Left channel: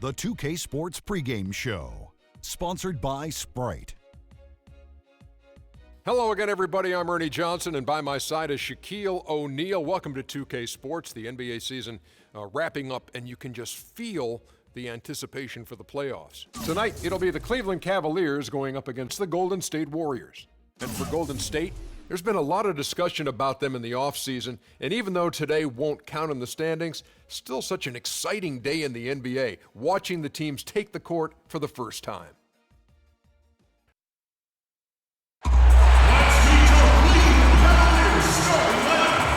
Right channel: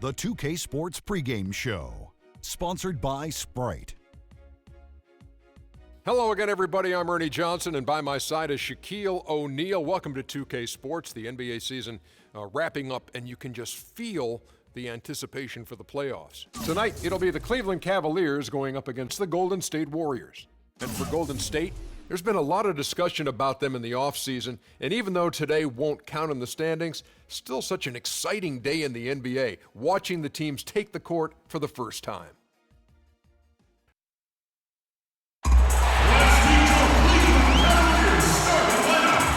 The 2K Sports pregame show, sponsored by Sprite. Hello again, everybody. I'm Ernie Johnson, and by my side is Shaquille O'Neal. Welcome to 2K Sports, the NBA season wrapping up, and you can just feel the anticipation for the playoffs. Tonight, it'll be the Cleveland Cavaliers going up against the Golden State Warriors. And for Golden State, there's been a lot of discussion about them in the offseason, and even though today won't count in the standings, still such an exciting day in the NBA, watching the teams take the court for the first time. Let's meet your Cleveland Cavaliers starting lineup.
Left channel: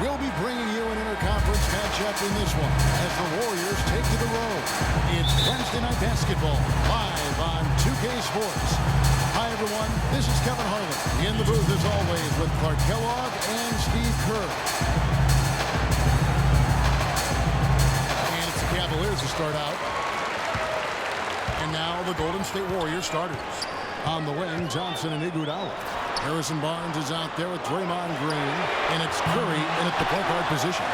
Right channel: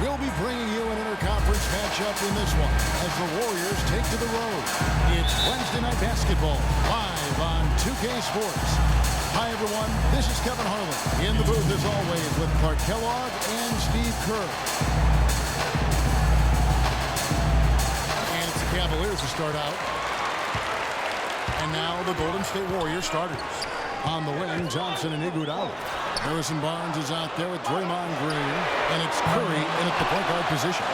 We'll be bringing you an interconference matchup in this one as the Warriors take to the road. It's Wednesday Night Basketball, live on 2K Sports. Hi, everyone. This is Kevin Harlan in the booth, as always, with Clark Kellogg and Steve Kerr. And it's the Cavaliers who start out. And now the Golden State Warriors starters. On the wing, Johnson and Iguodala. Harrison Barnes is out there with Draymond Green, and it's Curry in at the point guard position.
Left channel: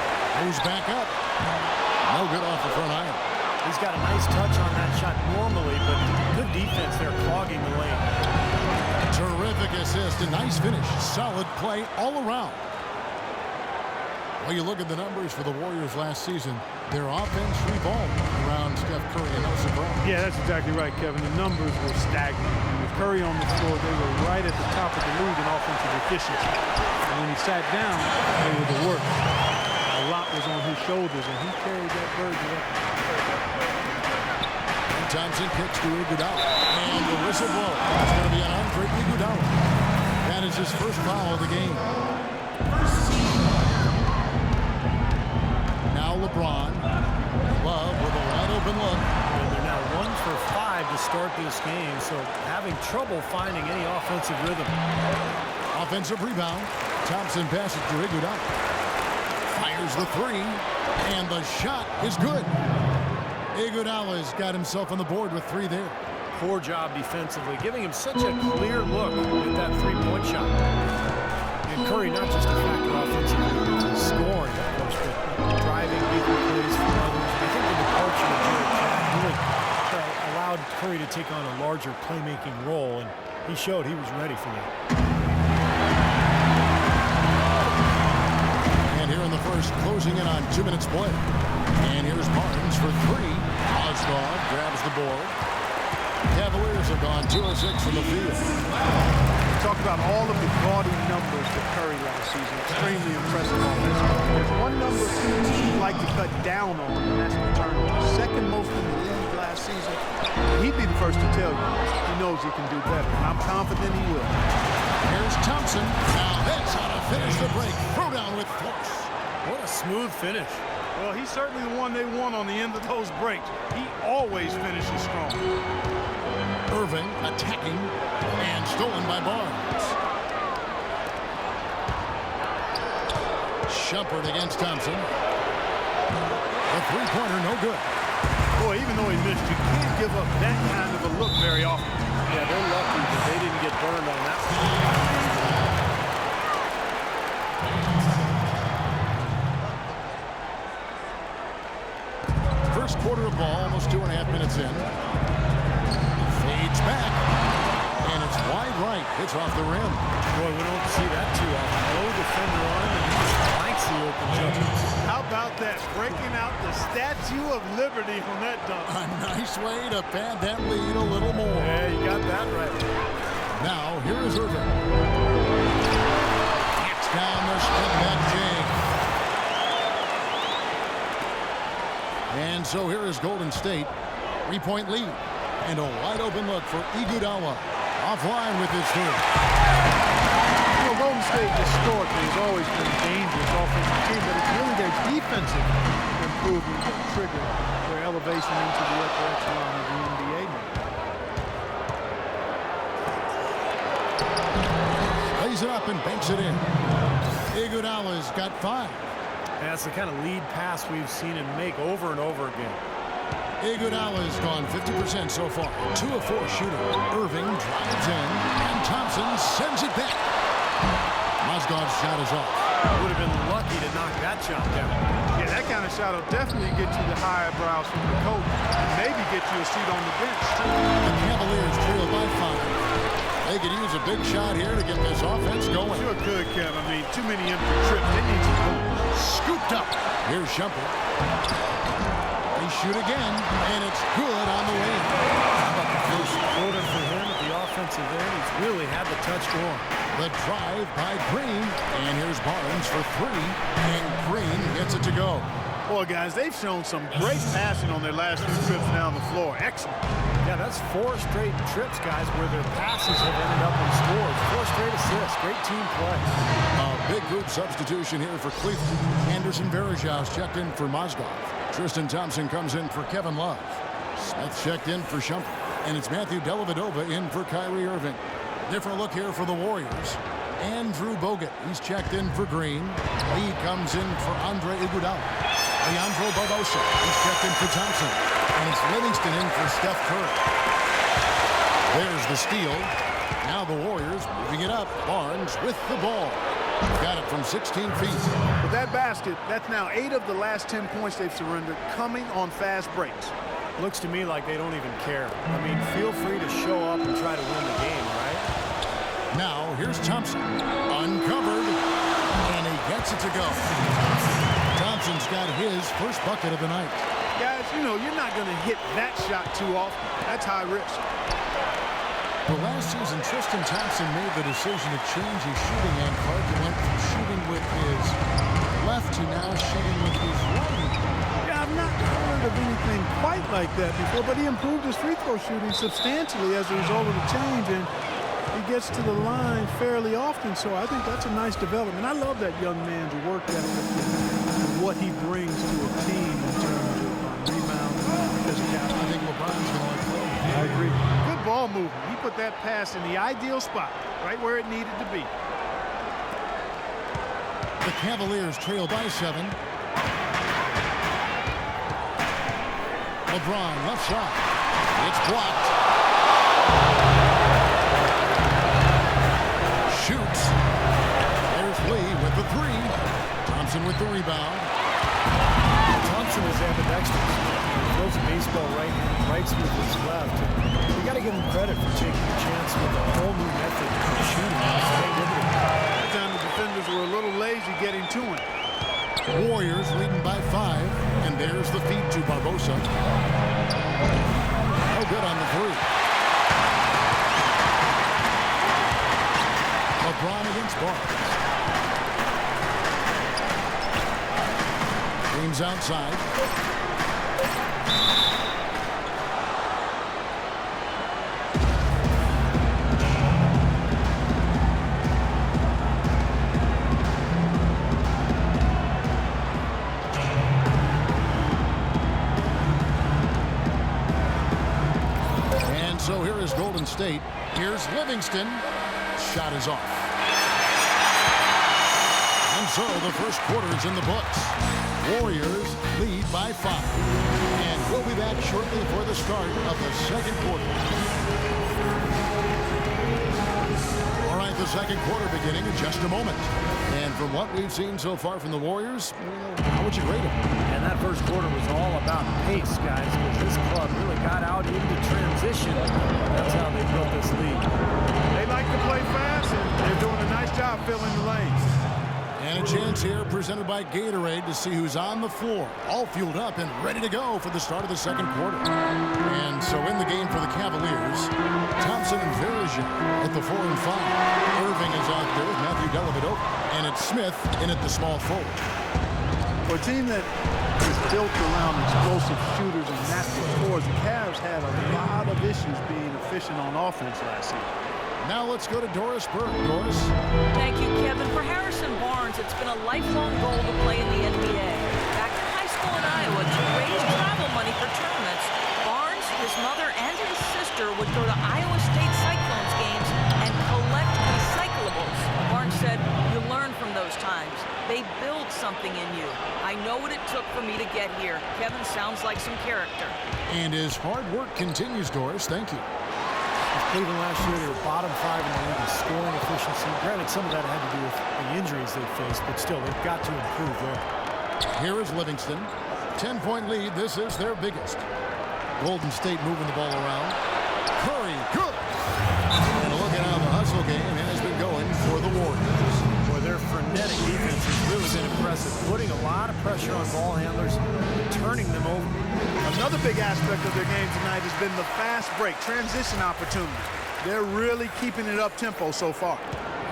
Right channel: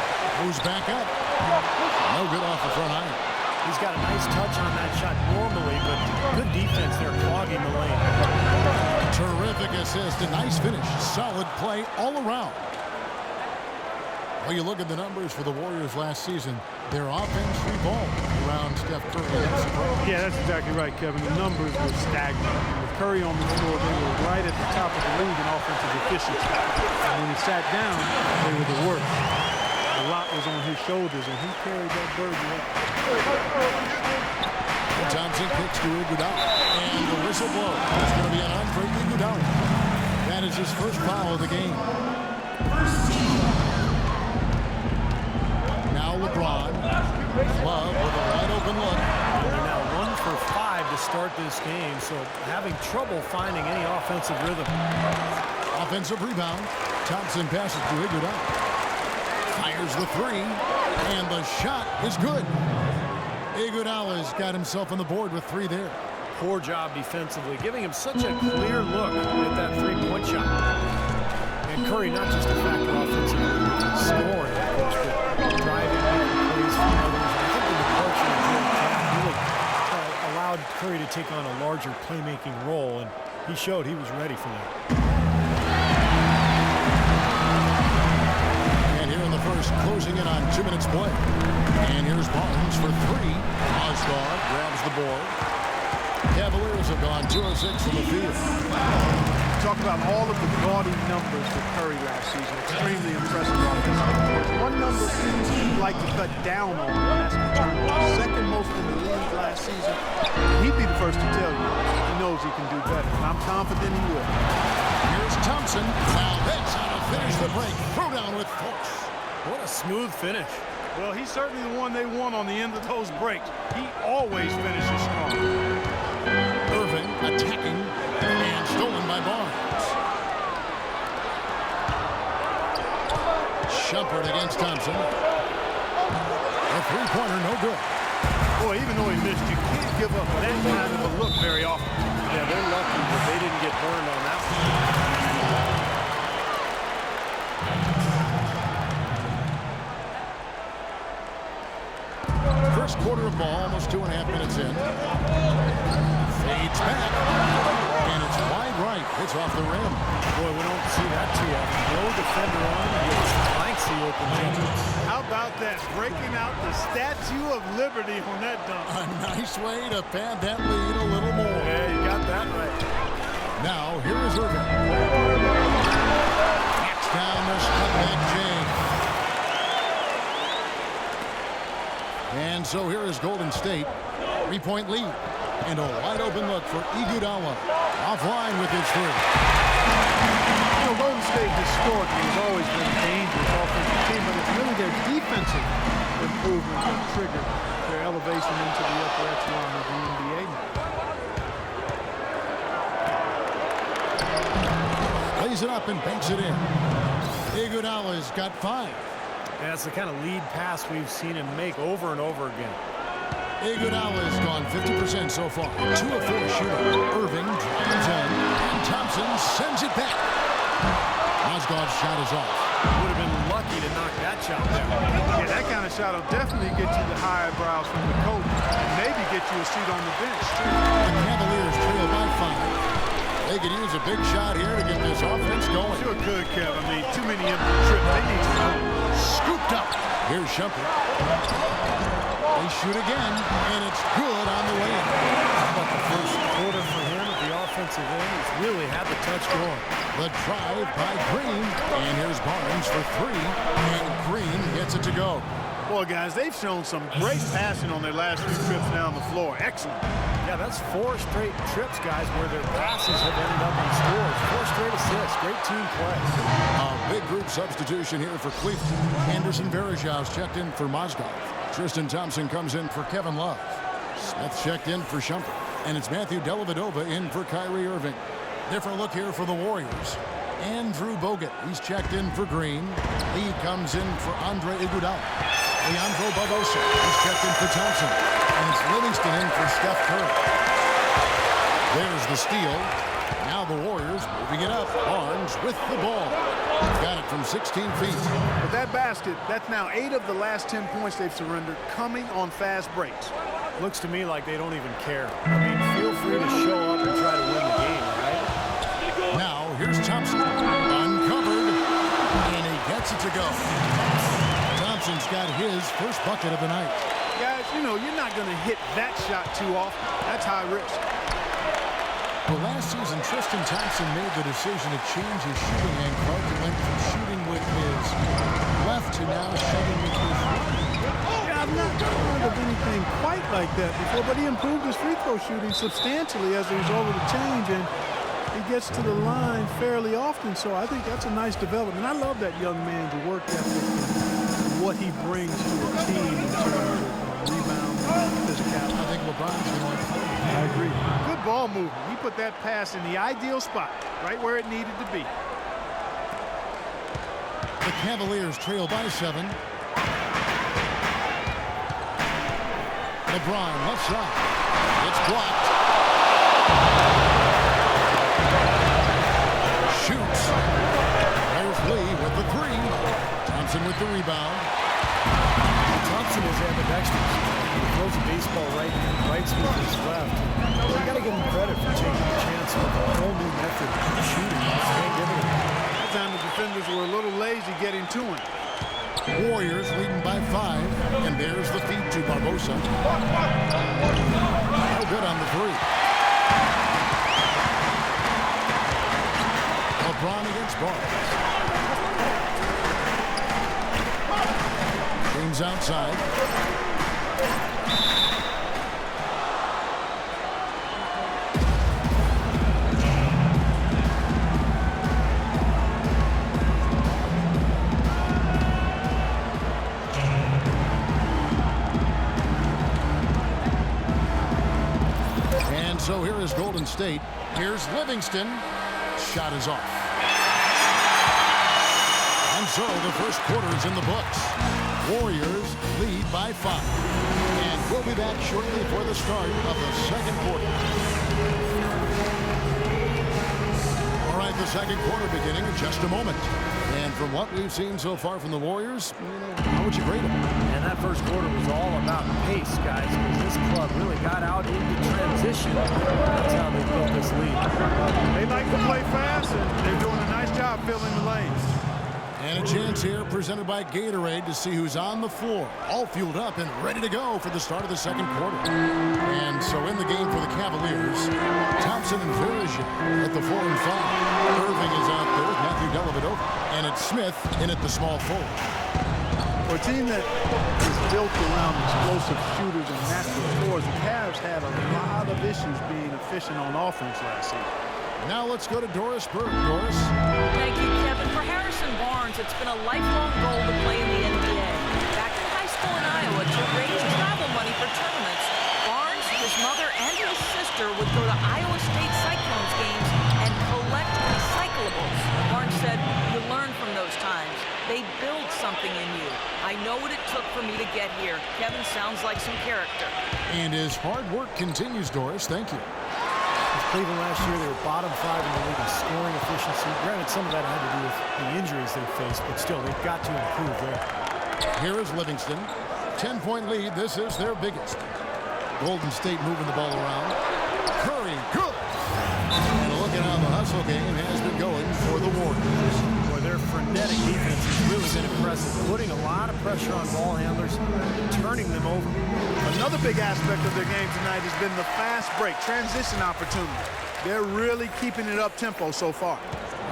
Moves back up. No good off the front iron. He's got a nice touch on that shot normally, but good defense there clogging the lane. Terrific assist, a nice finish. Solid play all around. Well, you look at the numbers for the Warriors last season, their offense revolved around Steph Curry, and no surprise. Yeah, that's exactly right, Kevin. The numbers were staggering. I mean, with Curry on the floor, they were right at the top of the league in offensive efficiency. And when he sat down, they were the worst. A lot was on his shoulders, and he carried that burden up. And Johnson kicks to Iguodala, and the whistle blows. It's going to be an Andre Iguodala. That is his first foul of the game. Now LeBron, Love with a wide open look. And they're now 1 for 5 to start this game, so having trouble finding any offensive rhythm. Offensive rebound. Thompson passes to Iguodala. Fires the three, and the shot is good. Iguodala's got himself on the board with 3 there. Poor job defensively, giving him such a clear look at that three-point shot. And Curry, not just a factor offensively with his scoring, of course, but driving, making plays for others. And I think the departure of Jarrett Jack really allowed Curry to take on a larger playmaking role, and he showed he was ready for that. And here in the first, closing in on 2 minutes play. And here's Barnes for 3. Osgood grabs the board. Cavaliers have gone 2 of 6 from the field. Talk about all of the gaudy numbers for Curry last season. Extremely impressive offensively. There's one number he'd like to cut down on, and that's the turnovers. Second most in the league last season. And he'd be the first to tell you he knows he can do better, and I'm confident he will. Here's Thompson. Now that's how to finish the break. Throw down with force. What a smooth finish. Well, he's certainly the one they want on the end of those breaks. He always finishes strong. Irving attacking, and stolen by Barnes. Shumpert against Thompson. A three-pointer, no good. Boy, even though he missed, you can't give up that kind of a look very often. Yeah, they're lucky that they didn't get burned on that one. First quarter of ball, almost 2.5 minutes in. Fades back, and it's wide right. It's off the rim. Boy, we don't see that too often. No defender on, and he just flanks the open jumper. How about that? Breaking out the Statue of Liberty on that dunk. A nice way to pad that lead a little more. Yeah, you got that right. Now, here is Irving. Knocks down the step-back J. And so here is Golden State. 3-point lead. And a wide open look for Iguodala. Offline with his 3. You know, Golden State historically has always been a dangerous offensive team, but it's really their defensive improvement that triggered their elevation into the upper echelon of the NBA now. Lays it up and banks it in. Iguodala's got 5. And that's the kind of lead pass we've seen him make over and over again. Iguodala has gone 50% so far. 2 of 4 shooting. Irving drives in, and Thompson sends it back. Mozgov's shot is off. Would have been lucky to knock that shot down. Yeah, that kind of shot will definitely get you the high eyebrows from the coach and maybe get you a seat on the bench, too. The Cavaliers trail by 5. They could use a big shot here to get this offense going. Sure could, Kev. I mean, too many empty trips. They need some goals. Scooped up. Here's Shumpert. They shoot again, and it's good on the way in. How about the first quarter for him at the offensive end? He's really had the touch going. The drive by Green, and here's Barnes for 3, and Green gets it to go. Boy, guys, they've shown some great passing on their last few trips down the floor. Excellent. Yeah, that's 4 straight trips, guys, where their passes have ended up on scores. 4 straight assists. Great team play. A big group substitution here for Cleveland. Anderson Varejau's checked in for Mozgov. Tristan Thompson comes in for Kevin Love. Smith checked in for Shumpert. And it's Matthew Dellavedova in for Kyrie Irving. Different look here for the Warriors. Andrew Bogut, he's checked in for Green. Lee comes in for Andre Iguodala. Leandro Barbosa, he's checked in for Thompson. And it's Livingston in for Steph Curry. There's the steal. Now the Warriors moving it up. Barnes with the ball. Got it from 16 feet. But that basket, that's now 8 of the last 10 points they've surrendered coming on fast breaks. Looks to me like they don't even care. I mean, feel free to show up and try to win the game, all right? Now here's Thompson. Uncovered. And he gets it to go. Thompson's got his first bucket of the night. Guys, you know, you're not going to hit that shot too often. That's high risk. Well, last season, Tristan Thompson made the decision to change his shooting, and Clark went from shooting with his left to now shooting with his right. Yeah, I've not heard of anything quite like that before, but he improved his free throw shooting substantially as a result of the change, and he gets to the line fairly often, so I think that's a nice development. I love that young man's work ethic and what he brings to a team in terms of rebound and physicality. I think LeBron's going to like playing with him. I agree. Good ball movement. He put that pass in the ideal spot, right where it needed to be. The Cavaliers trail by 7. LeBron left side. It's blocked. Shoots. There's Lee with the 3. Thompson with the rebound. Thompson is ambidextrous. He throws a baseball rights with his left. And you got to give him credit for taking a chance with a whole new method of shooting. It's paying dividends. That time the defenders were a little lazy getting to him. Warriors leading by 5, and there's the feed to Barbosa. No good on the 3. LeBron against Barnes. James outside. And so here is Golden State. Here's Livingston. Shot is off. And so the first quarter is in the books. Warriors lead by 5. And we'll be back shortly for the start of the second quarter. All right, the second quarter beginning in just a moment. And from what we've seen so far from the Warriors, how would you grade them? And that first quarter was all about pace, guys, because this club really got out into transition. That's how they built this lead. They like to play fast, and they're doing a nice job filling the lanes. And a chance here presented by Gatorade to see who's on the floor, all fueled up and ready to go for the start of the second quarter. And so in the game for the Cavaliers, Thompson and Varejao at the 4 and 5. Irving is out there with Matthew Dellavedova, and it's Smith in at the small forward. For a team that is built around explosive shooters and natural scorers, the Cavs had a lot of issues being efficient on offense last season. Now let's go to Doris Burke. Doris. Thank you, Kevin. For Harrison Barnes, it's been a lifelong goal to play in the NBA. Back in high school in Iowa, to raise travel money for tournaments, Barnes, his mother, and his sister would go to Iowa State Cyclones games and collect recyclables. Barnes Barnes said, "You learn from those times. They build something in you. I know what it took for me to get here." Kevin sounds like some character. And his hard work continues, Doris. Thank you. With Cleveland last year, they were bottom 5 in the league in scoring efficiency. Granted, some of that had to do with the injuries they faced, but still, they've got to improve there. Here is Livingston. 10-point lead. This is their biggest. Golden State moving the ball around. Curry, good. And look at how the hustle game has been going for the Warriors. Boy, their frenetic defense has really been impressive, putting a lot of pressure on ball handlers and turning them over. Another big aspect of their game tonight has been the fast break, transition opportunity. They're really keeping it up-tempo so far.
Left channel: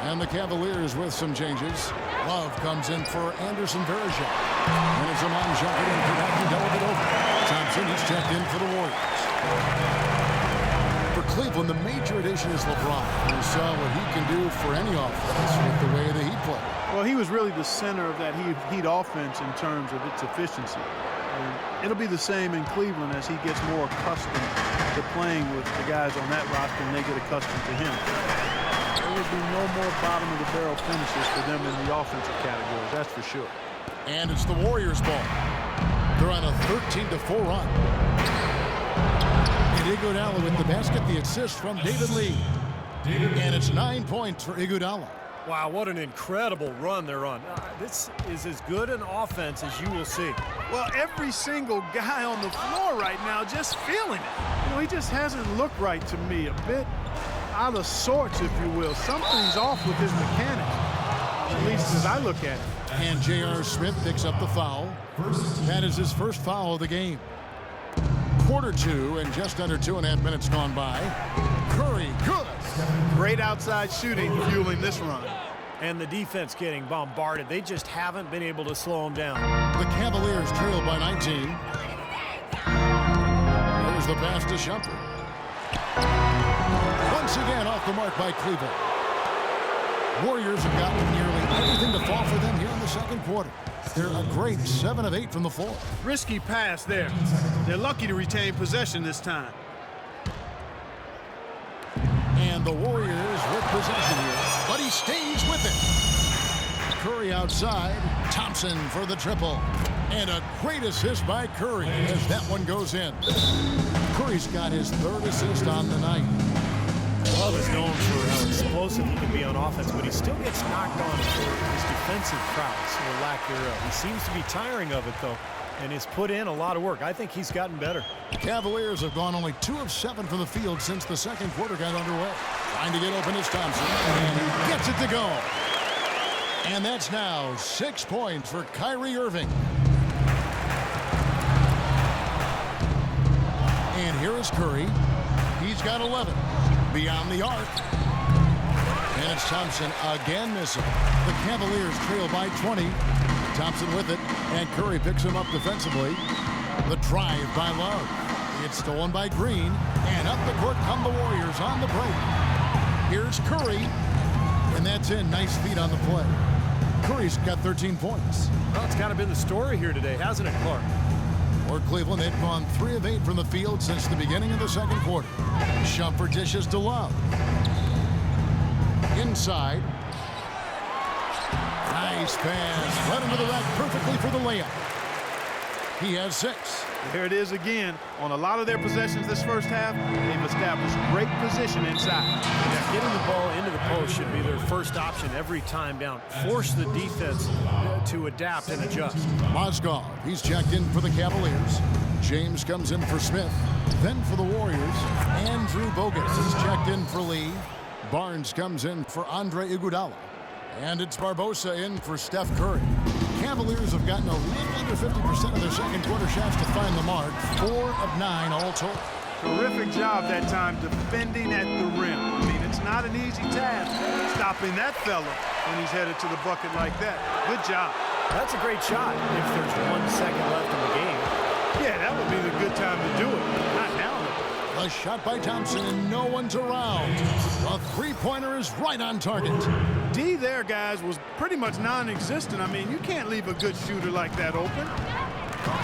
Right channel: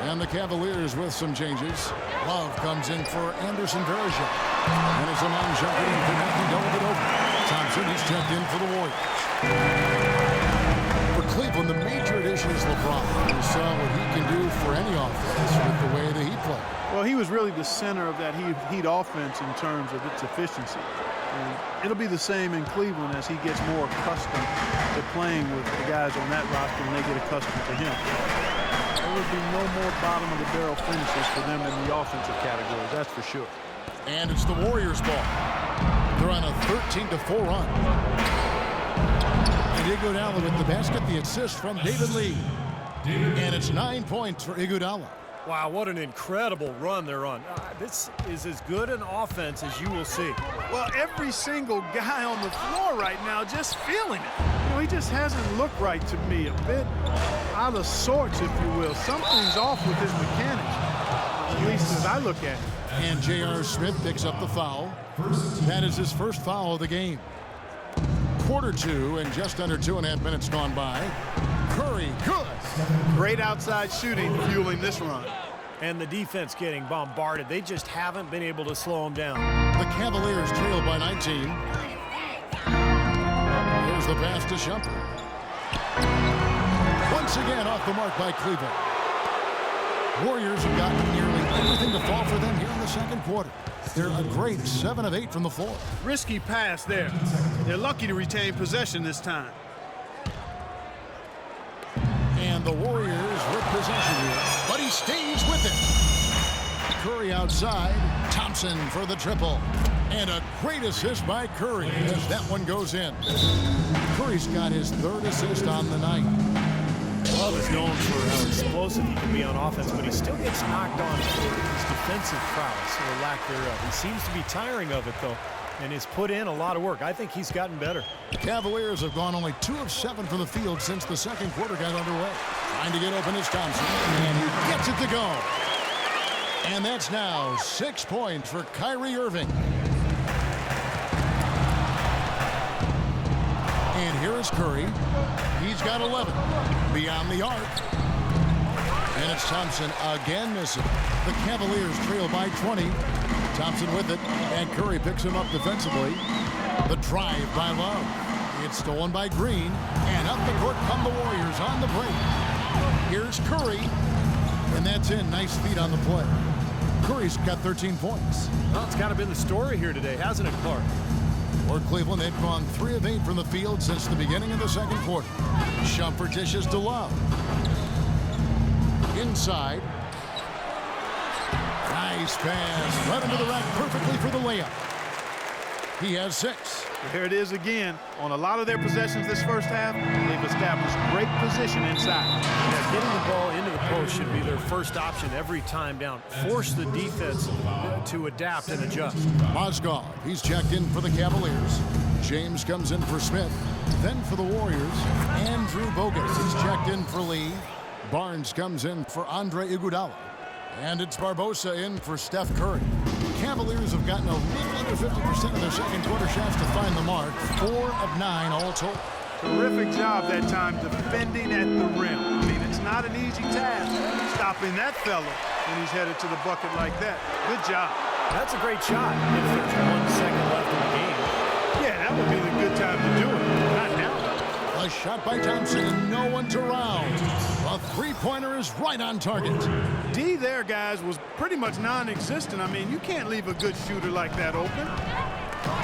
And the Cavaliers with some changes. Love comes in for Anderson Varejao. And it's Amon jumping in for Matthew Dellavedova. Thompson, he's checked in for the Warriors. For Cleveland, the major addition is LeBron. We saw what he can do for any offense with the way that he played. Well, he was really the center of that Heat offense in terms of its efficiency. And it'll be the same in Cleveland as he gets more accustomed to playing with the guys on that roster and they get accustomed to him. There will be no more bottom-of-the-barrel finishes for them in the offensive categories, that's for sure. And it's the Warriors' ball. They're on a 13-4 run. And Iguodala with the basket, the assist from David Lee. And it's 9 points for Iguodala. Wow, what an incredible run they're on. This is as good an offense as you will see. Well, every single guy on the floor right now just feeling it. You know, he just hasn't looked right to me. A bit out of sorts, if you will. Something's off with his mechanics, at least as I look at it. And J.R. Smith picks up the foul. That is his first foul of the game. Quarter 2 and just under 2.5 minutes gone by. Curry, good. Great outside shooting fueling this run. And the defense getting bombarded. They just haven't been able to slow them down. The Cavaliers trail by 19. There's the pass to Shumpert. Once again off the mark by Cleveland. Warriors have gotten nearly everything to fall for them here in the second quarter. They're a great 7 of 8 from the floor. Risky pass there. They're lucky to retain possession this time. And the Warriors with possession here, but he stays with it. Curry outside, Thompson for the triple. And a great assist by Curry as that one goes in. Curry's got his 3rd assist on the night. Love is known for how explosive he can be on offense, but he still gets knocked on for his defensive prowess or lack thereof. He seems to be tiring of it, though, and has put in a lot of work. I think he's gotten better. Cavaliers have gone only 2 of 7 from the field since the second quarter got underway. Trying to get open is Thompson, and he gets it to go. And that's now 6 points for Kyrie Irving. And here is Curry. He's got 11. Beyond the arc. And it's Thompson again missing. The Cavaliers trail by 20. Thompson with it, and Curry picks him up defensively. The drive by Love. It's stolen by Green, and up the court come the Warriors on the break. Here's Curry, and that's in. Nice feet on the play. Curry's got 13 points. Well, it's kind of been the story here today, hasn't it, Clark? For Cleveland, they've gone 3 of 8 from the field since the beginning of the second quarter. Shumpert dishes to Love. Inside. Nice pass. Right into the rack perfectly for the layup. He has 6. There it is again. On a lot of their possessions this first half, they've established great position inside. Yeah, getting the ball into the post should be their first option every time down. Force the defense to adapt and adjust. Mozgov, he's checked in for the Cavaliers. James comes in for Smith. Then for the Warriors, Andrew Bogut. He's checked in for Lee. Barnes comes in for Andre Iguodala. And it's Barbosa in for Steph Curry. Cavaliers have gotten a little under 50% of their second quarter shots to find the mark. 4 of 9 all told. Terrific job that time defending at the rim. I mean, it's not an easy task stopping that fella when he's headed to the bucket like that. Good job. That's a great shot if there's 1 second left in the game. Yeah, that would be the good time to do it. Not now, though. A shot by Thompson, and no one's around. A three-pointer is right on target. D there, guys, was pretty much non-existent. I mean, you can't leave a good shooter like that open.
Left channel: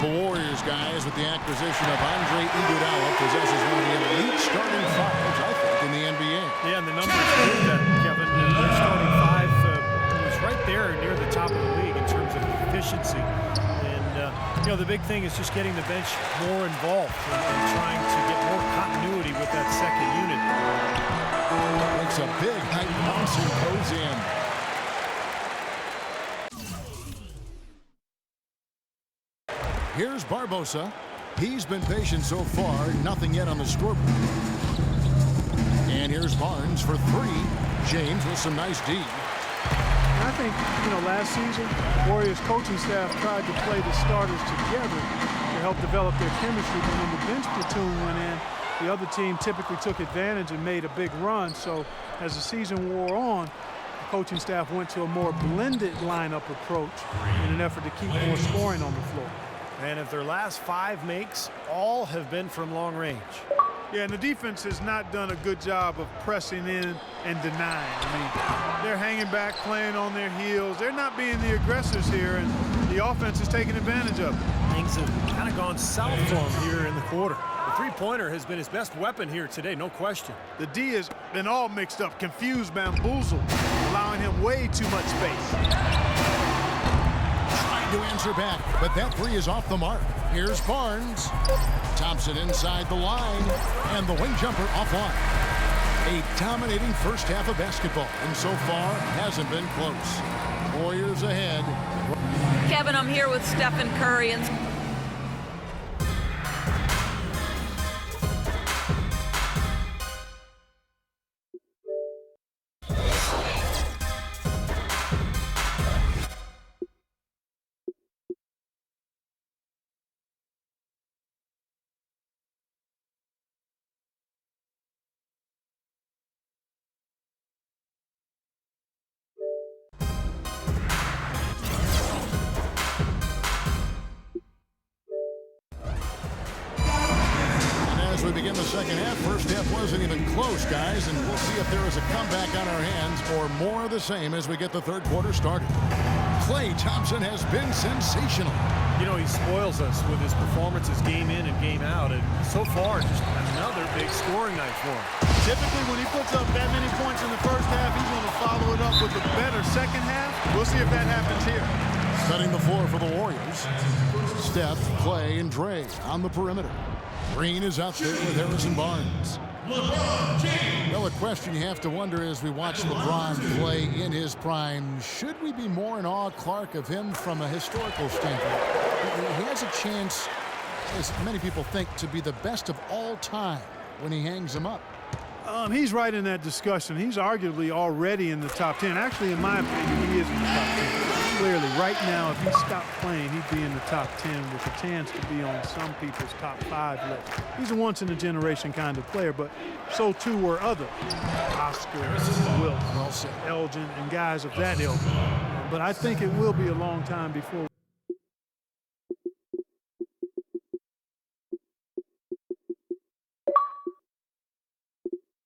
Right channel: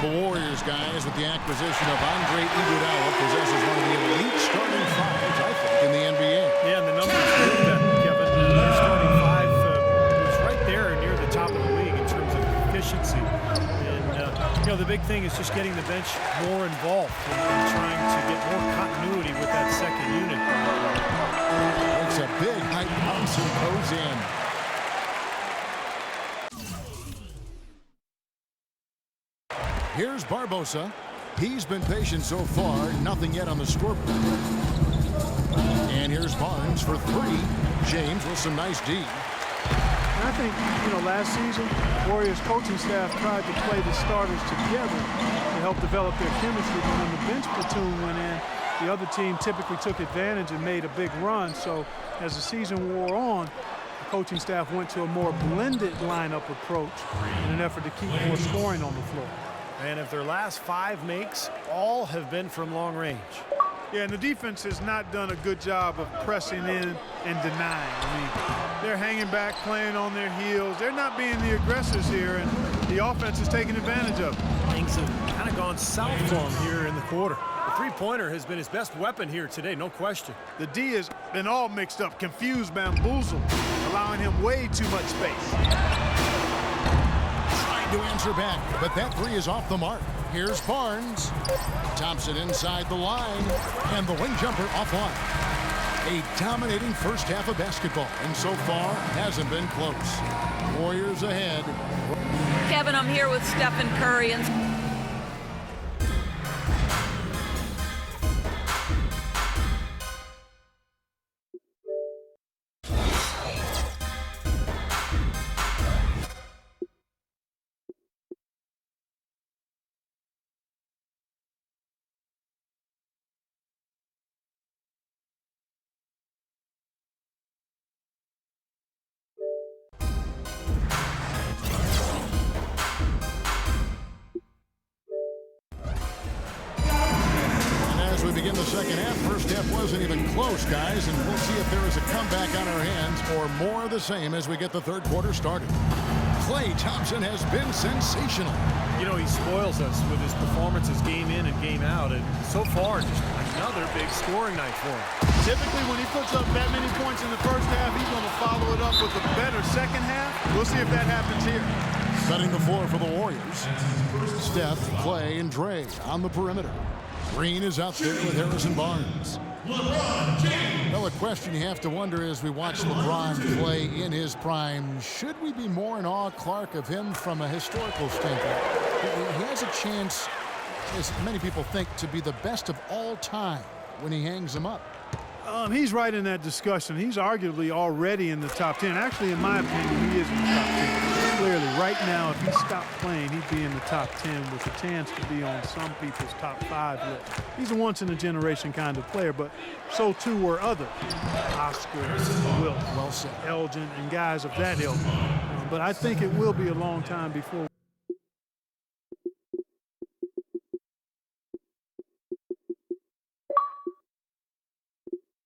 The Warriors, guys, with the acquisition of Andre Iguodala, possesses one of the elite starting 5s, I think, in the NBA. Yeah, and the numbers prove that, Kevin. Their starting 5 efficiency. And, the big thing is just getting the bench more involved and trying to get more continuity with that second unit. Makes a big high bounce and goes in. Here's Barbosa. He's been patient so far, nothing yet on the scoreboard. And here's Barnes for three. James with some nice D. And I think, last season, Warriors coaching staff tried to play the starters together to help develop their chemistry, but when the bench platoon went in, the other team typically took advantage and made a big run. So as the season wore on, the coaching staff went to a more blended lineup approach in an effort to keep more scoring on the floor. And if their last 5 makes, all have been from long range. Yeah, and the defense has not done a good job of pressing in and denying. I mean, they're hanging back, playing on their heels. They're not being the aggressors here, and the offense is taking advantage of it. Things have kind of gone south for him here in the quarter. The three-pointer has been his best weapon here today, no question. The D has been all mixed up, confused, bamboozled, allowing him way too much space. Trying to answer back, but that three is off the mark. Here's Barnes. Thompson inside the line, and the wing jumper offline. A dominating first half of basketball, and so far hasn't been close. Warriors ahead. Kevin, I'm here with Stephen Curry. And as we begin the second half, first half wasn't even close, guys, and we'll see if there is a comeback on our hands or more of the same as we get the third quarter started. Klay Thompson has been sensational. He spoils us with his performances game in and game out, and so far just another big scoring night for him. Typically, when he puts up that many points in the first half, he's going to follow it up with a better second half. We'll see if that happens here. Setting the floor for the Warriors. Steph, Klay, and Dre on the perimeter. Green is out there with Harrison Barnes. Well, a question you have to wonder as we watch LeBron play in his prime, should we be more in awe, Clark, of him from a historical standpoint? He has a chance, as many people think, to be the best of all time when he hangs him up. He's right in that discussion. He's arguably already in the top 10. Actually, in my opinion, he is in the top 10. Clearly, right now, if he stopped playing, he'd be in the top 10 with a chance to be on some people's top 5 list. He's a once-in-a-generation kind of player, but so too were others. Oscar, Wilt, Well said. Elgin, and guys of that ilk. But I think it will be a long time before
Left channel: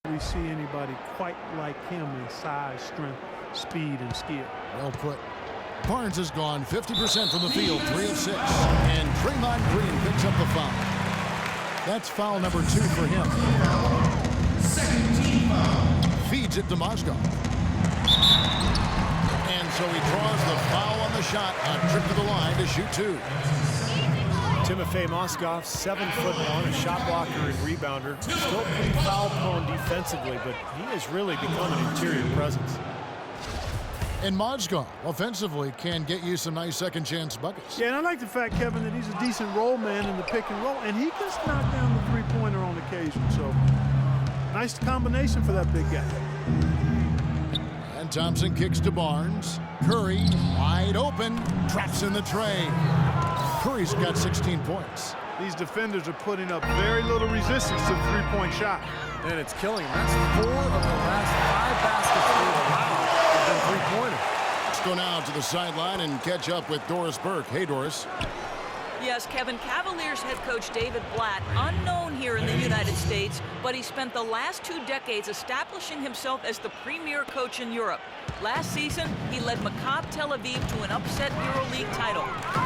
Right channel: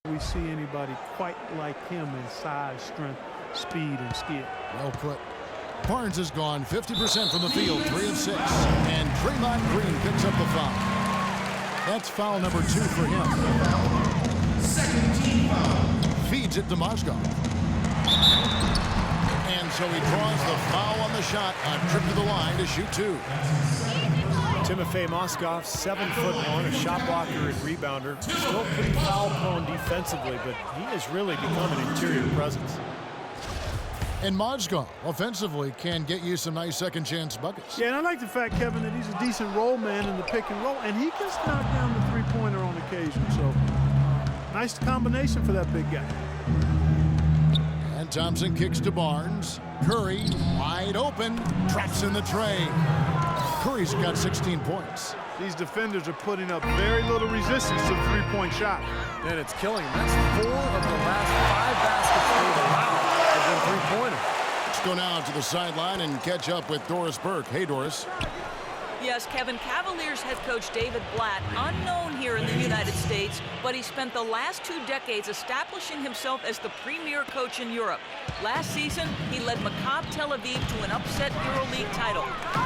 we see anybody quite like him in size, strength, speed, and skill. Well put. Barnes has gone 50% from the field, 3 of 6. And Draymond Green picks up the foul. That's foul number 2 for him. Feeds it to Mozgov. And so he draws the foul on the shot, a trip to the line to shoot 2. Timofey Mozgov, 7'1", a shot blocker and rebounder. Still pretty foul-prone defensively, but he has really become an interior presence. And Mozgov, offensively, can get you some nice second-chance buckets. Yeah, and I like the fact, Kevin, that he's a decent roll man in the pick and roll, and he can knock down the three-pointer on occasion. So, nice combination for that big guy. And Thompson kicks to Barnes. Curry, wide open, traps in the tray. Curry's got 16 points. These defenders are putting up very little resistance to the three-point shot. And it's killing him. That's 4 of the last 5 baskets they've allowed have been three-pointers. Let's go now to the sideline and catch up with Doris Burke. Hey, Doris. yes, Kevin, Cavaliers head coach David Blatt, unknown here in the United States, but he spent the last 2 decades establishing himself as the premier coach in Europe. Last season, he led Maccabi Tel Aviv to an upset EuroLeague title.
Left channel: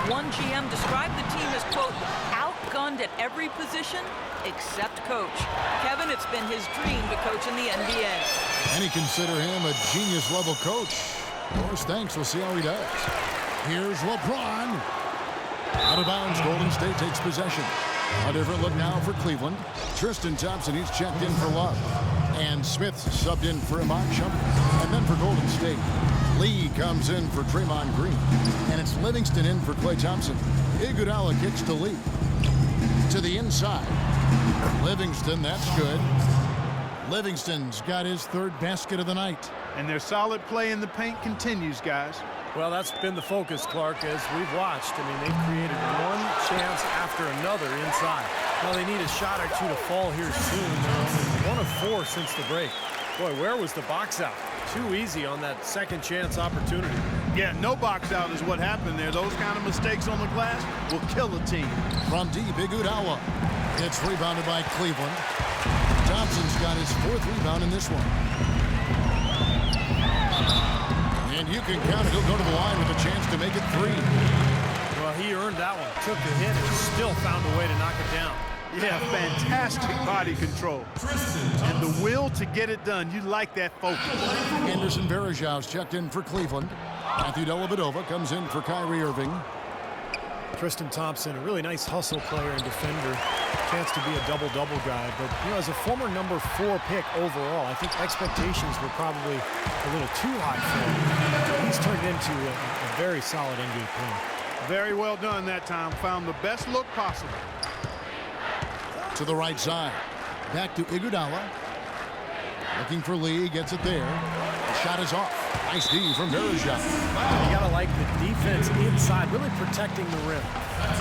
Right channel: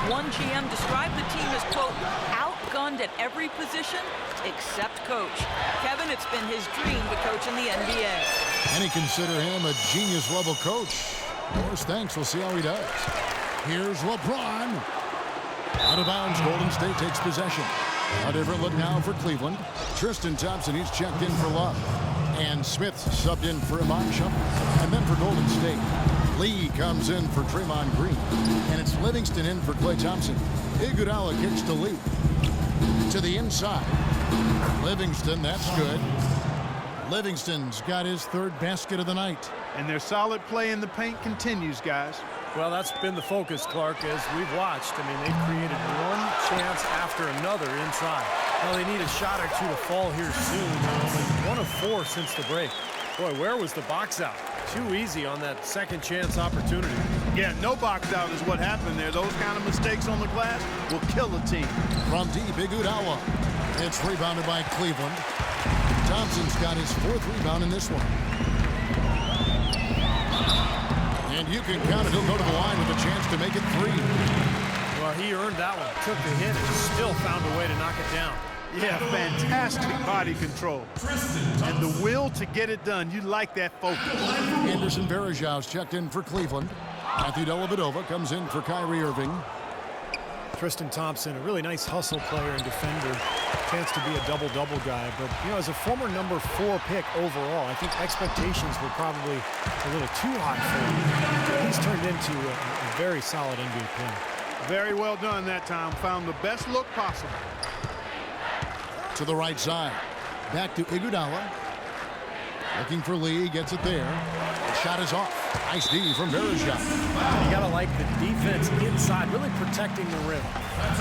One GM described the team as, quote, outgunned at every position except coach. Kevin, it's been his dream to coach in the NBA. Many consider him a genius-level coach. Doris, thanks. We'll see how he does. Here's LeBron. Out of bounds, Golden State takes possession. A different look now for Cleveland. Tristan Thompson, he's checked in for Love. And Smith subbed in for Iman Shumpert. And then for Golden State, Lee comes in for Draymond Green. And it's Livingston in for Klay Thompson. Iguodala kicks to Lee. To the inside. Livingston, that's good. Livingston's got his third basket of the night. And their solid play in the paint continues, guys. Well, that's been the focus, Clark, as we've watched. I mean, they've created one chance after another inside. Now they need a shot or two to fall here soon. They're only 1 of 4 since the break. Boy, where was the box out? Too easy on that second chance opportunity. Yeah, no box out is what happened there. Those kind of mistakes on the glass will kill a team. From deep, Iguodala. It's rebounded by Cleveland. Thompson's got his 4th rebound in this one. And you can count it. He'll go to the line with a chance to make it 3. Well, he earned that one. Took the hit and still found a way to knock it down. Yeah, fantastic body control. And the will to get it done. You like that focus. Anderson Varejau's checked in for Cleveland. Matthew Dellavedova comes in for Kyrie Irving. Tristan Thompson, a really nice hustle player and defender. Chance to be a double-double guy. But, you know, as a former number 4 pick overall, I think expectations were probably a little too high for him. He's turned into a very solid NBA player. Very well done that time. Found the best look possible. To the right side. Back to Iguodala. Looking for Lee. Gets it there. The shot is off. Nice D from Varejao. You got to like the defense inside, really protecting the rim.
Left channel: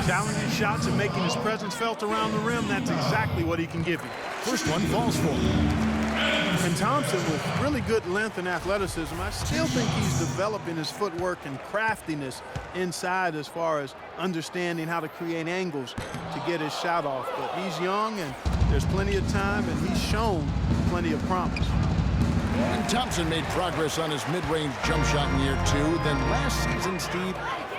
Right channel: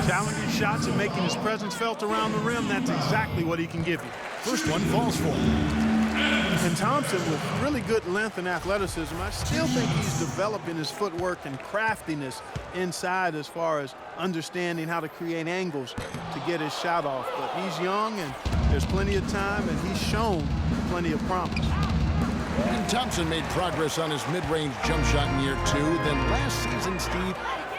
Challenging shots and making his presence felt around the rim. That's exactly what he can give you. First one falls for him. And Thompson, with really good length and athleticism, I still think he's developing his footwork and craftiness inside as far as understanding how to create angles to get his shot off. But he's young, and there's plenty of time, and he's shown plenty of promise. And Thompson made progress on his mid-range jump shot in year 2. Then last season, Steve,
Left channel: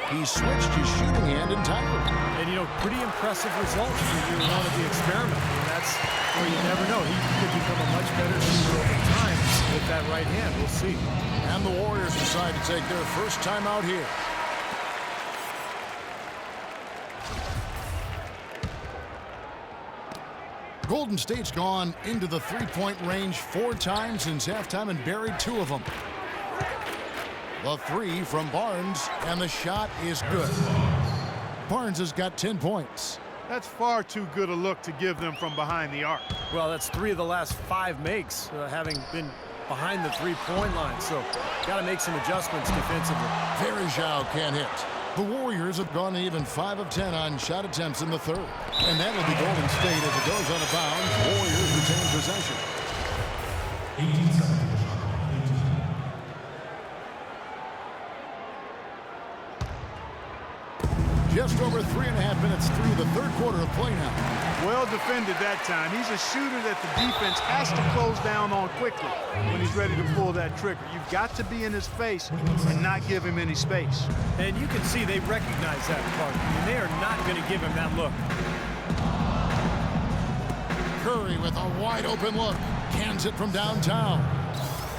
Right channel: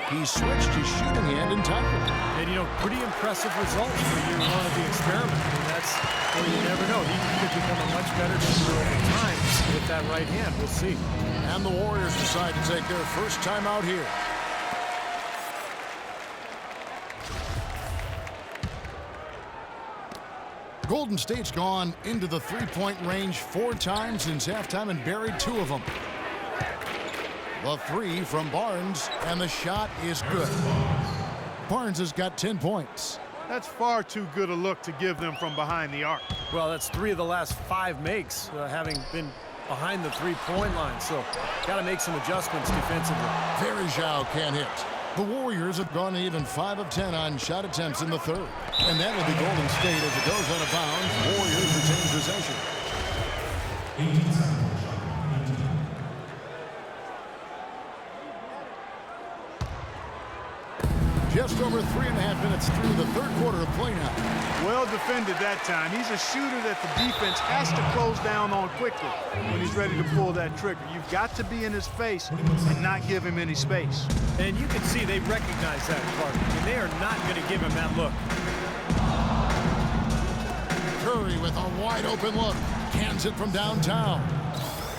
he switched his shooting hand entirely. And, you know, pretty impressive results for year 1 of the experiment. I mean, that's where you never know. He could become a much better shooter over time with that right hand. We'll see. And the Warriors decide to take their first time out here. Golden State's gone into the three-point range 4 times since halftime and buried 2 of them. The 3 from Barnes, and the shot is good. Barnes has got 10 points. That's far too good a look to give them from behind the arc. Well, that's 3 of the last 5 makes, having been behind the 3-point line. So, got to make some adjustments defensively. Varejao can't hit. The Warriors have gone even 5 of 10 on shot attempts in the 3rd. And that'll be Golden State as it goes out of bounds. Warriors retain possession. Just over 3.5 minutes through the 3rd quarter of play now. Well defended that time. He's a shooter that the defense has to close down on quickly when he's ready to pull that trigger. You've got to be in his face and not give him any space. And you can see they recognize that, Clark. I mean, they are not going to give him that look. Curry with a wide open look. Cans it from downtown.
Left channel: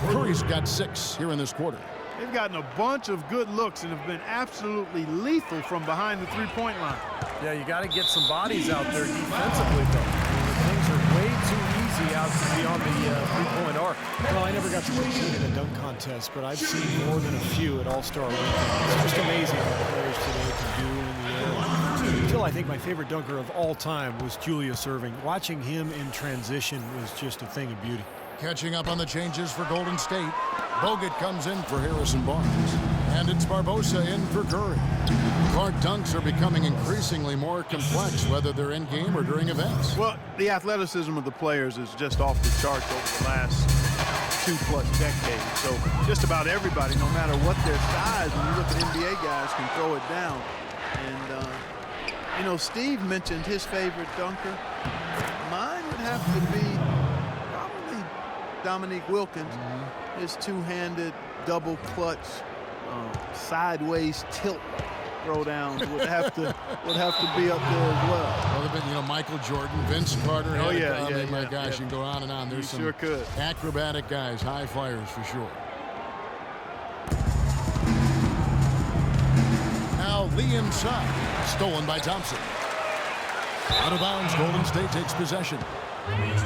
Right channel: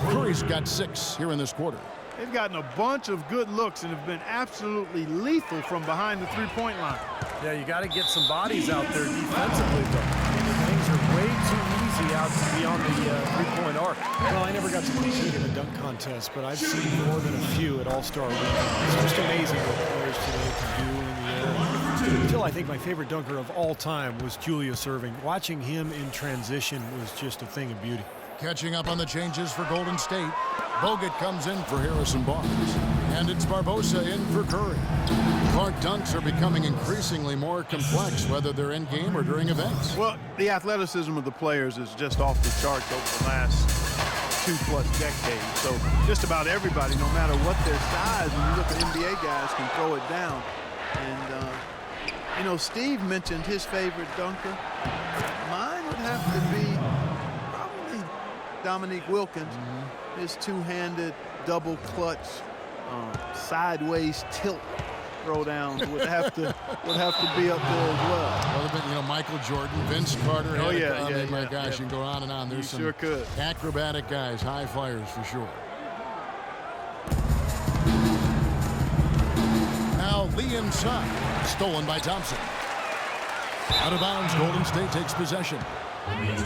Curry's got 6 here in this quarter. They've gotten a bunch of good looks and have been absolutely lethal from behind the 3-point line. Yeah, you got to get some bodies out there defensively, though. I mean, things are way too easy out beyond the 3-point arc. Well, I never got to compete in a dunk contest, but I've seen more than a few at All-Star Weekend. It's just amazing what players today can do in the air. Until I think my favorite dunker of all time was Julius Erving. Watching him in transition was just a thing of beauty. Catching up on the changes for Golden State. Bogut comes in for Harrison Barnes. And it's Barbosa in for Curry. Clark, dunks are becoming increasingly more complex, whether they're in game or during events. Well, the athleticism of the players is just off the charts over the last 2+ decades. So just about everybody, no matter what their size, when you look at NBA guys, can throw it down. And, you know, Steve mentioned his favorite dunker. Mine would have to be probably Dominique Wilkins. His 2-handed double clutch sideways tilt throwdowns would have to be up there as well. Well, but, you know, Michael Jordan, Vince Carter. Oh yeah, my gosh, you can go on and on. There's some sure could. Acrobatic guys, high flyers for sure. Now Lee inside. Stolen by Thompson. Out of bounds, Golden State takes possession. 20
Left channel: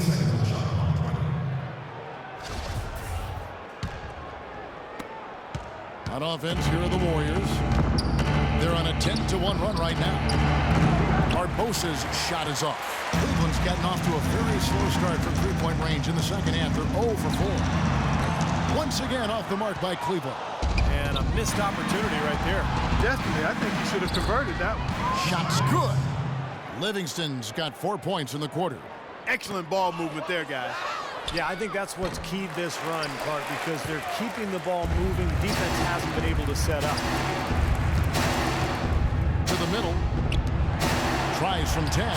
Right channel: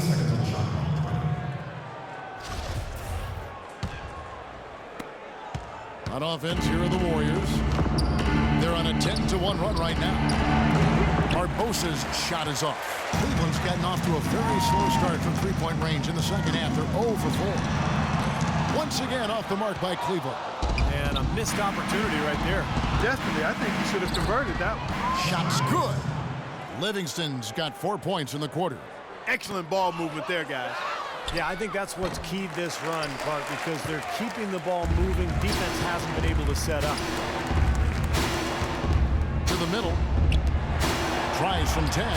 seconds on the shot clock. 20. On offense, here are the Warriors. They're on a 10-1 run right now. Barbosa's shot is off. Cleveland's gotten off to a very slow start from three-point range in the second half. They're 0 for 4. Once again off the mark by Cleveland. And a missed opportunity right there. Definitely, I think he should have converted that one. Shot's good. Livingston's got 4 points in the quarter. Excellent ball movement there, guys. Yeah, I think that's what's keyed this run, Clark, because they're keeping the ball moving. Defense hasn't been able to set up. To the middle. Tries from 10.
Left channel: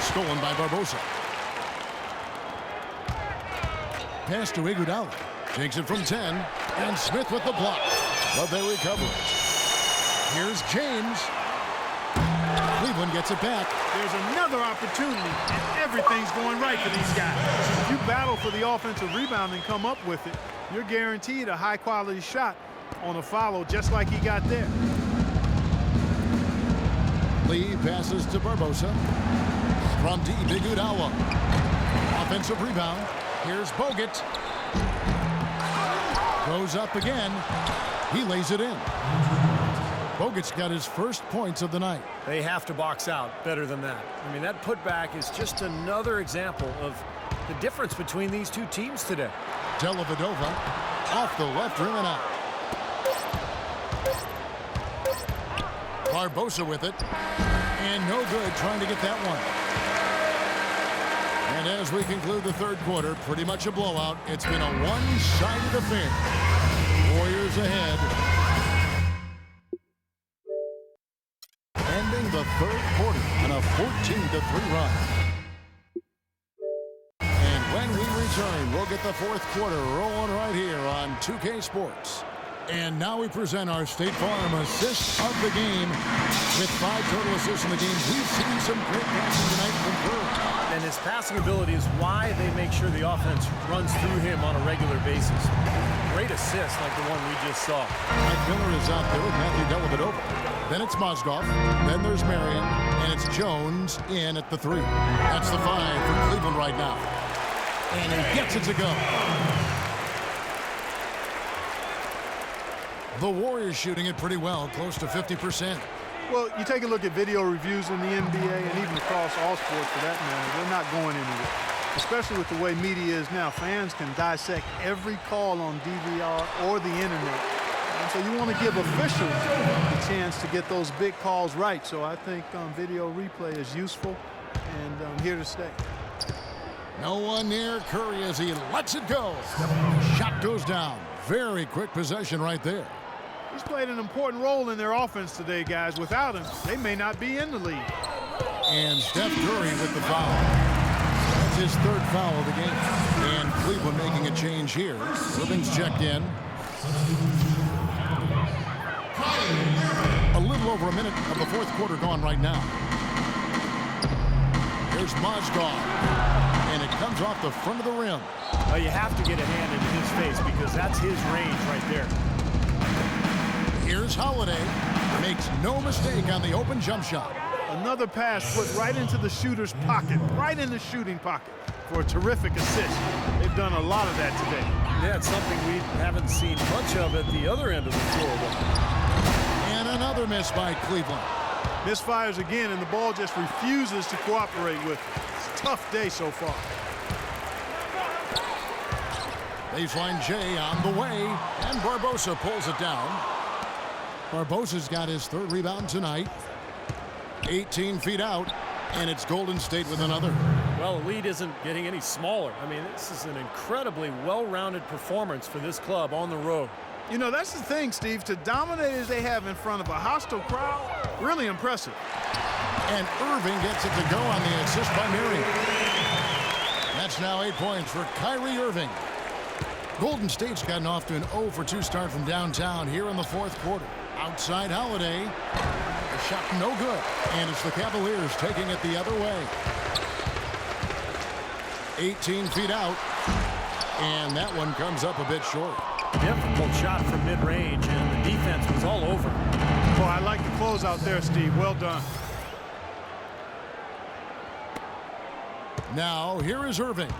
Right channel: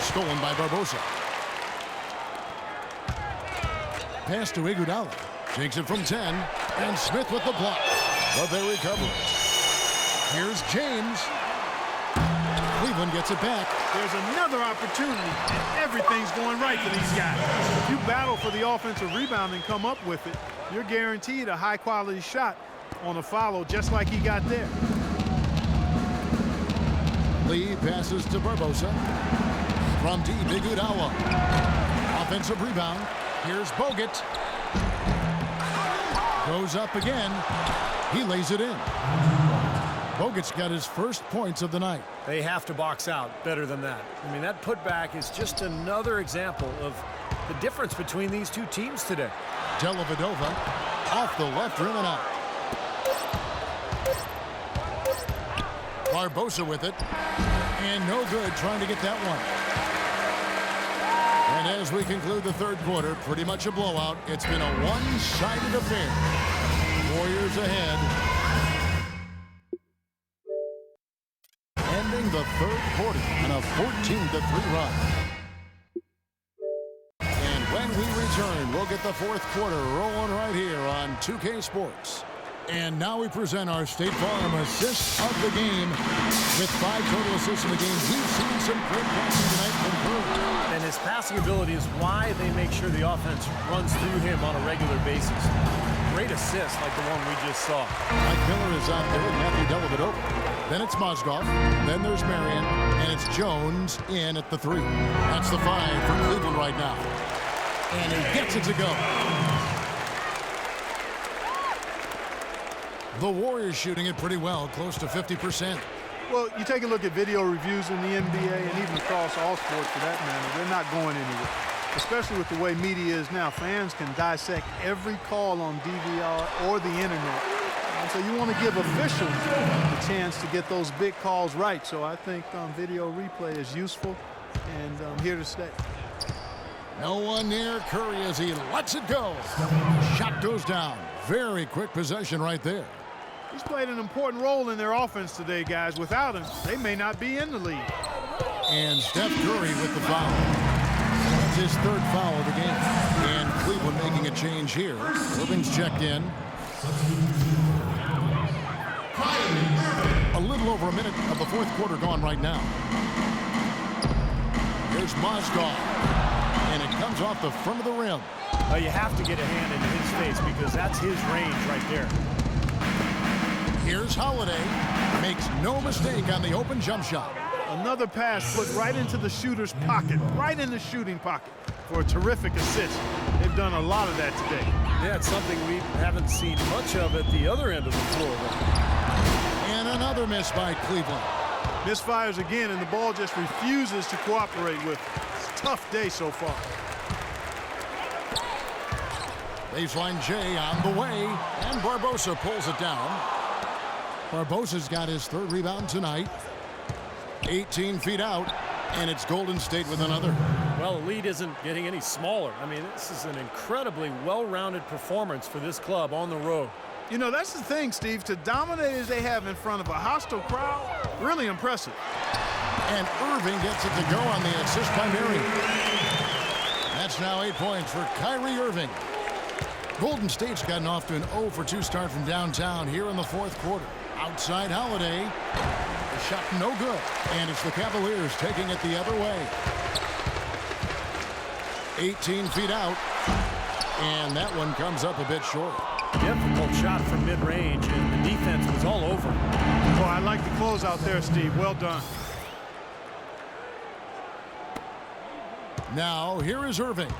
Stolen by Barbosa. Pass to Iguodala. Takes it from 10. And Smith with the block. But they recover it. Here's James. Cleveland gets it back. There's another opportunity, and everything's going right for these guys. If you battle for the offensive rebound and come up with it, you're guaranteed a high-quality shot on a follow just like he got there. Lee passes to Barbosa. From deep, Iguodala. Offensive rebound. Here's Bogut. Goes up again. He lays it in. Bogut's got his first points of the night. They have to box out better than that. I mean, that putback is just another example of the difference between these two teams today. Dellavedova off the left rim and out. Barbosa with it. And no good trying to get that one. And as we conclude the third quarter, pretty much a blowout. It's been a one-sided affair. Warriors ahead. Ending the third quarter on a 14-3 run. And when we return, we'll get the fourth quarter rolling right here on 2K Sports. And now we present our State Farm assist of the game. With 5 total assists in the game, we've seen some great passing tonight from Curry. And his passing ability is why they make sure the offense runs through him on a regular basis. Great assist like the one we just saw. Mike Miller is out there with Matthew Dellavedova. Then it's Mozgov. Then there's Marion. And it's Jones in at the 3. That's the 5 for Cleveland right now. And he gets it to go. The Warriors shooting it pretty well, close to 50%. Well, you take a look at video reviews in the NBA and even across all sports for that matter, they're not going anywhere. Especially with the way media is now. Fans can dissect every call on DVR or the internet. And so you want to give officials the chance to get those big calls right. So I think video replay is useful and here to stay. No one near Curry as he lets it go. Shot goes down. Very quick possession right there. He's played an important role in their offense today, guys. Without him, they may not be in the league. And Steph Curry with the foul. That's his third foul of the game. And Cleveland making a change here. Irving's checked in. A little over a minute of the fourth quarter gone right now. Here's Mozgov. And it comes off the front of the rim. You have to get a hand into his face because that's his range right there. Here's Holiday. Makes no mistake on the open jump shot. Another pass put right into the shooter's pocket, right in the shooting pocket for a terrific assist. They've done a lot of that today. Yeah, it's something we haven't seen much of at the other end of the floor, though. And another miss by Cleveland. Misfires again, and the ball just refuses to cooperate with it. It's a tough day so far. Baseline J on the way, and Barbosa pulls it down. Barbosa's got his third rebound tonight. 18 feet out, and it's Golden State with another. Well, the lead isn't getting any smaller. I mean, this is an incredibly well-rounded performance for this club on the road. You know, that's the thing, Steve. To dominate as they have in front of a hostile crowd, really impressive. And Irving gets it to go on the assist by Marion. That's now 8 points for Kyrie Irving. Golden State's gotten off to an 0-for-2 start from downtown here in the fourth quarter. Outside Holiday. The shot no good. And it's the Cavaliers taking it the other way. 18 feet out. And that one comes up a bit short. Difficult shot from mid-range, and the defense was all over him. Boy, I like the closeout there, Steve. Well done. Now, here is Irving.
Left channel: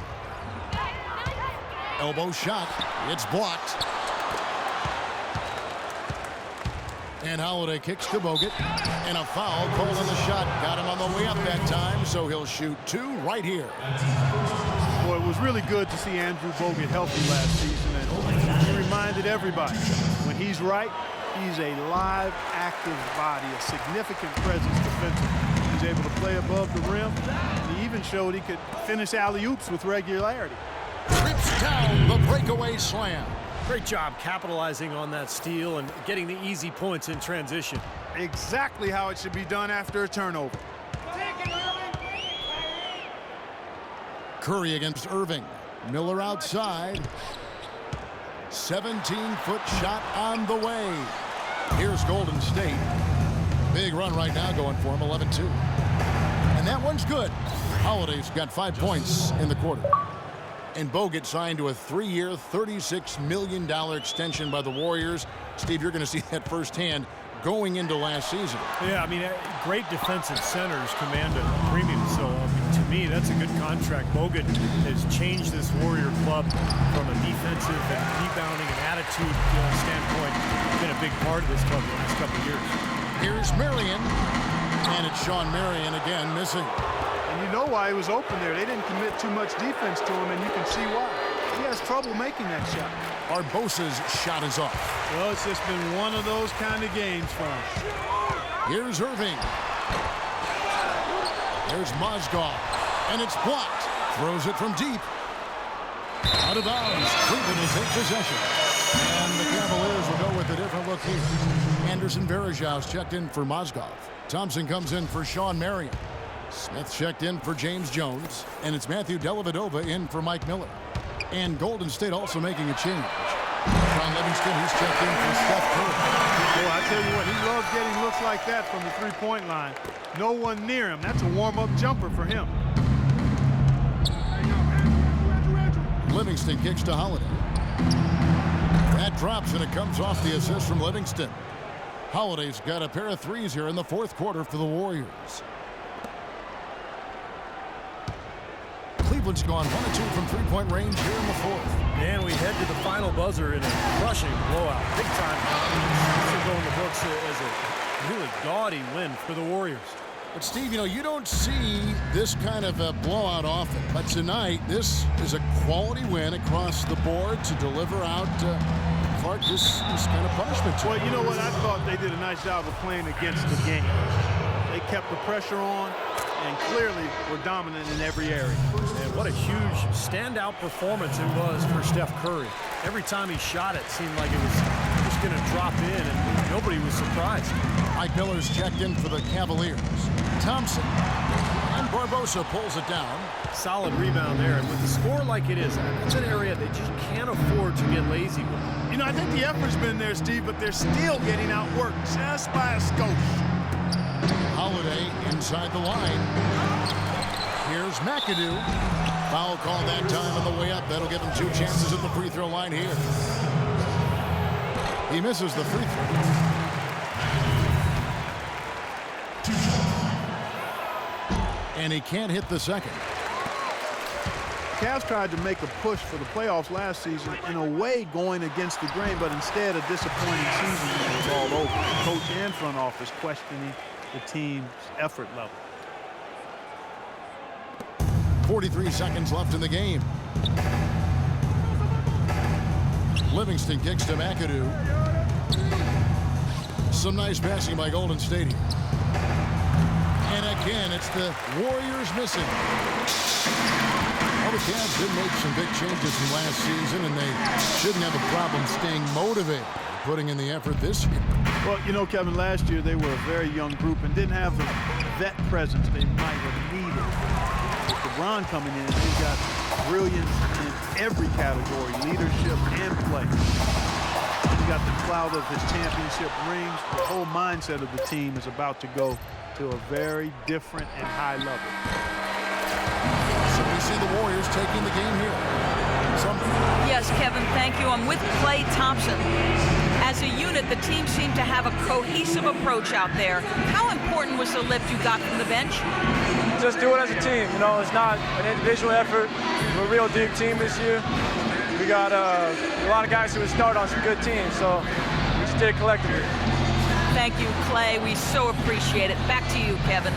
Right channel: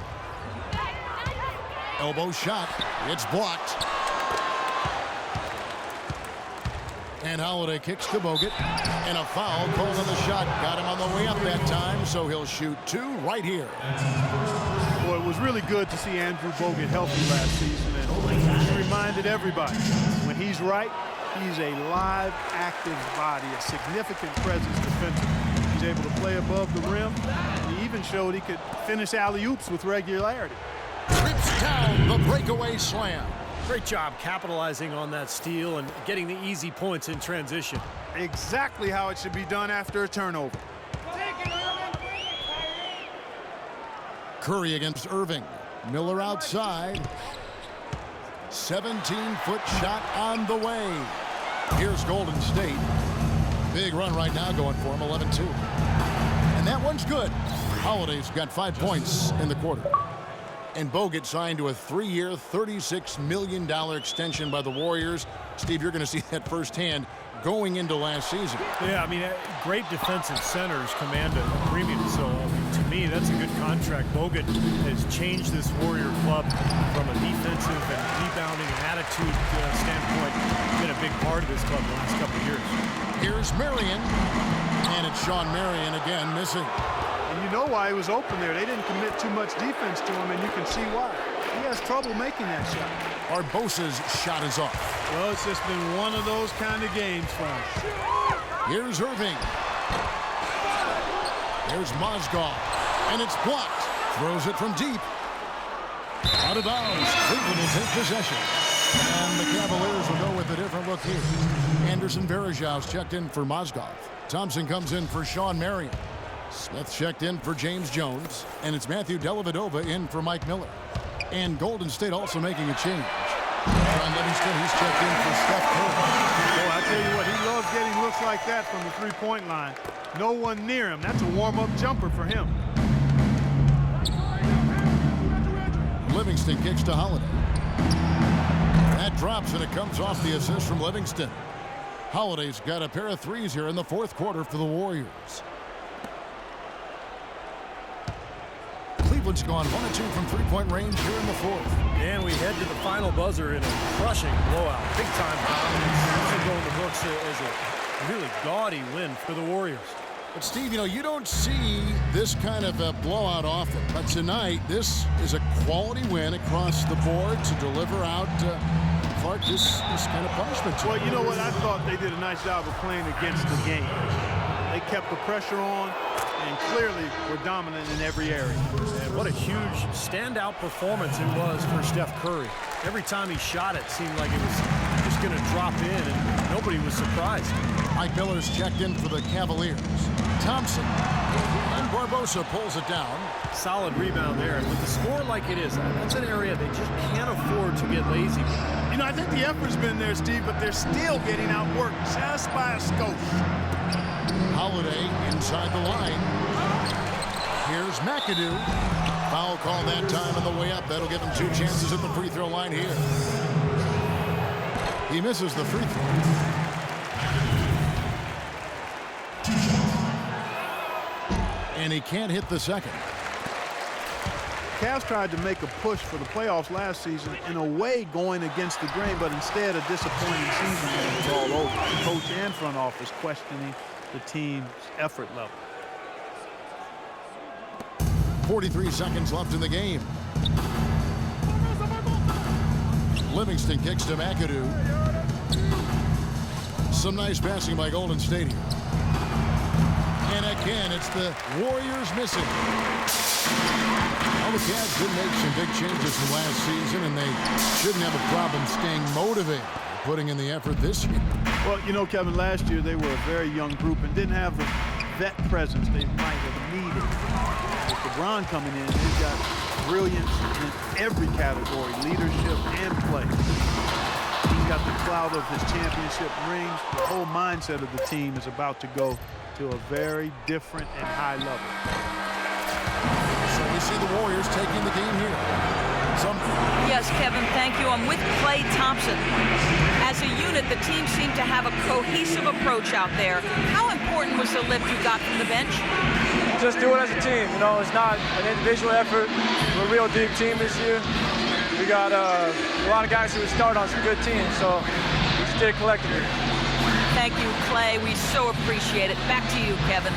Elbow shot. It's blocked. And Holiday kicks to Bogut. And a foul called on the shot. Got him on the way up that time, so he'll shoot 2 right here. Boy, it was really good to see Andrew Bogut healthy last season, and he reminded everybody, when he's right, he's a live, active body, a significant presence defensively. He's able to play above the rim, and he even showed he could finish alley-oops with regularity. Trips down the breakaway slam. Great job capitalizing on that steal and getting the easy points in transition. Exactly how it should be done after a turnover. Curry against Irving. Miller outside. 17-foot shot on the way. Here's Golden State. Big run right now going for him, 11-2. And that one's good. Holiday's got 5 points in the quarter. And Bogut signed to a 3-year, $36 million extension by the Warriors. Steve, you're going to see that firsthand going into last season. Yeah, I mean, great defensive centers command a premium. So, I mean, to me, that's a good contract. Bogut has changed this Warrior club from a defensive and rebounding and attitude standpoint. Been a big part of this club the last couple of years. Here's Marion. And it's Sean Marion again missing. And you know why he was open there. They didn't commit too much defense to him, and you can see why. He has trouble making that shot. Barbosa's shot is off. Well, it's just been one of those kind of games for him. Here's Irving. Here's Mozgov. And it's blocked. Throws it from deep. Out of bounds. Cleveland will take possession. And the Cavaliers will go with a different look here. Anderson Varejau's checked in for Mozgov. Thompson comes in for Sean Marion. Smith checked in for James Jones. And it's Matthew Dellavedova in for Mike Miller. And Golden State also making a change. Sean Livingston, he's checked in for Steph Curry. Boy, I tell you what, he loves getting looks like that from the three-point line. No one near him. That's a warm-up jumper for him. Livingston kicks to Holiday. That drops, and it comes off the assist from Livingston. Holiday's got a pair of threes here in the fourth quarter for the Warriors. Cleveland's gone 1 of 2 from three-point range here in the fourth. And we head to the final buzzer in a crushing blowout. Big-time dominance. This will go in the books as a really gaudy win for the Warriors. But, Steve, you know, you don't see this kind of a blowout often. But tonight, this is a quality win across the board to deliver out Clark this kind of punishment to him. Well, you know what? I thought they did a nice job of playing against the game. They kept the pressure on and clearly were dominant in every area. And what a huge standout performance it was for Steph Curry. Every time he shot it seemed like it was just going to drop in, and nobody was surprised. Mike Miller's checked in for the Cavaliers. Thompson and Barbosa pulls it down. Solid rebound there, and with the score like it is, that's an area they just can't afford to get lazy with. You know, I think the effort's been there, Steve, but they're still getting outworked just by a skosh. Holiday inside the line. Here's McAdoo. Foul call that time on the way up. That'll give him 2 chances at the free throw line here. He misses the free throw. And he can't hit the second. Cavs tried to make a push for the playoffs last season, in a way going against the grain, but instead a disappointing season when it was all over. Coach and front office questioning the team's effort level. 43 seconds left in the game. Livingston kicks to McAdoo. Some nice passing by Golden State here. And again, it's the Warriors missing. Well, the Cavs did make some big changes from last season, and they shouldn't have a problem staying motivated, putting in the effort this year. Well, you know, Kevin, last year they were a very young group and didn't have the vet presence they might have needed. With LeBron coming in, they've got brilliance in every category, leadership and play. He's got the clout of his championship rings. The whole mindset of the team is about to go to a very different and high level. So we see the Warriors taking the game here. Sumner. Yes, Kevin, thank you. I'm with Klay Thompson. As a unit, the team seemed to have a cohesive approach out there. How important was the lift you got from the bench? Just do it as a team. You know, it's not an individual effort. We're a real deep team this year. We got a lot of guys who would start on some good teams, so we just did it collectively. Thank you, Klay. We so appreciate it. Back to you, Kevin.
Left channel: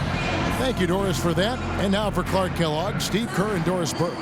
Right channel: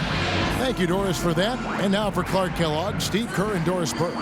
Thank you, Doris, for that. And now for Clark Kellogg, Steve Kerr, and Doris Burke.